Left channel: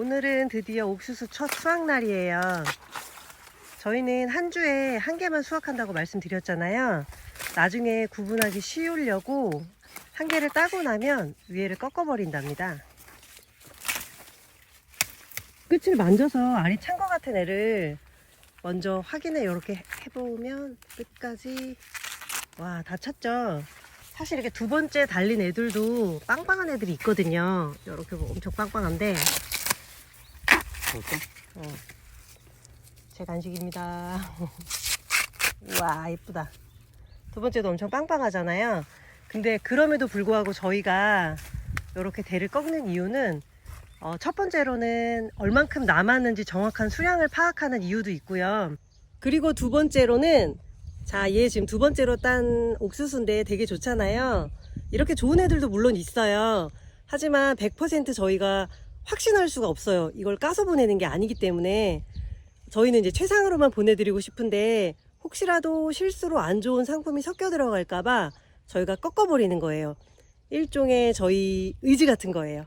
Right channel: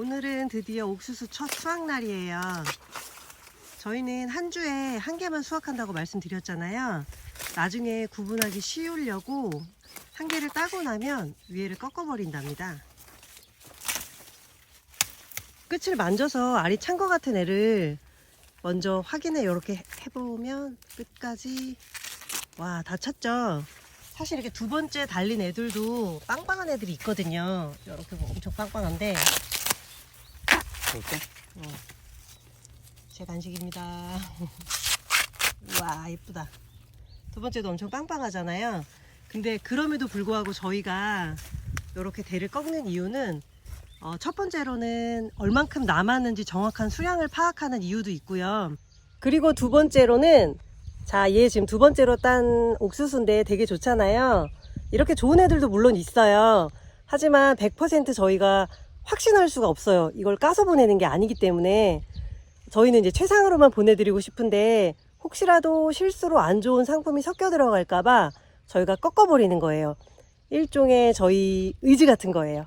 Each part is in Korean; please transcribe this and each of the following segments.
오늘은 드디어 옥수수 첫 수확 날이에요. 저희는 한 주에 한 개만 수확한다고 말씀드렸잖아요. 나중에 구분하기 쉬우려고 한 개를 따고 나면 위에를 꺾어버린답니다. 끝을 만져서 알이 찬 것 같은 애를 먼저 확인을 이렇게 해보면 끝까지 와 다 찼죠? 사실 이렇게 두 번째 달린 애들도 빵빵한 애들이 있거든요. 이렇게 뭐 엄청 빵빵한데 볼까? 어. 제 간식입니다. 우와, 예쁘다. 두 번째도 엄청 빵빵하잖아요. 근데 그럼에도 불구하고 저희가 이렇게 대를 꺾는 이유는 어, 첫 번째로는 얼만큼 남았는지 정확한 수량을 파악하는 이유도 있고요. 그리고 두 번째로는 자, 얘 지금 두 번째로 딴 옥수수인데 되게 좋잖아요. 이렇게 좋은 애들도 물론 있어요. 하지만 100% 저희가 확신할 수가 없어요. 이걸 까서 보내는 게 아니기 때문에 저희는 이제 최상으로만 보내드리고 싶은데 혹시라도 실수로 안 좋은 상품이 섞여 들어갈까봐 저희가 꺾어버리는 거예요. 일종의 저희 의지 같은 거예요.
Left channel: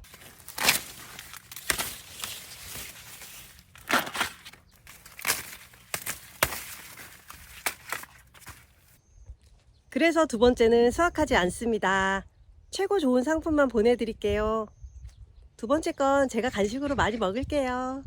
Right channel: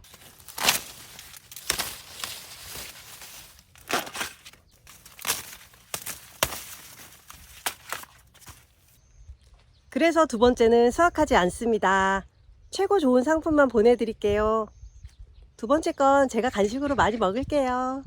그래서 두 번째는 수확하지 않습니다. 최고 좋은 상품만 보내드릴게요. 두 번째 건 제가 간식으로 많이 먹을게요.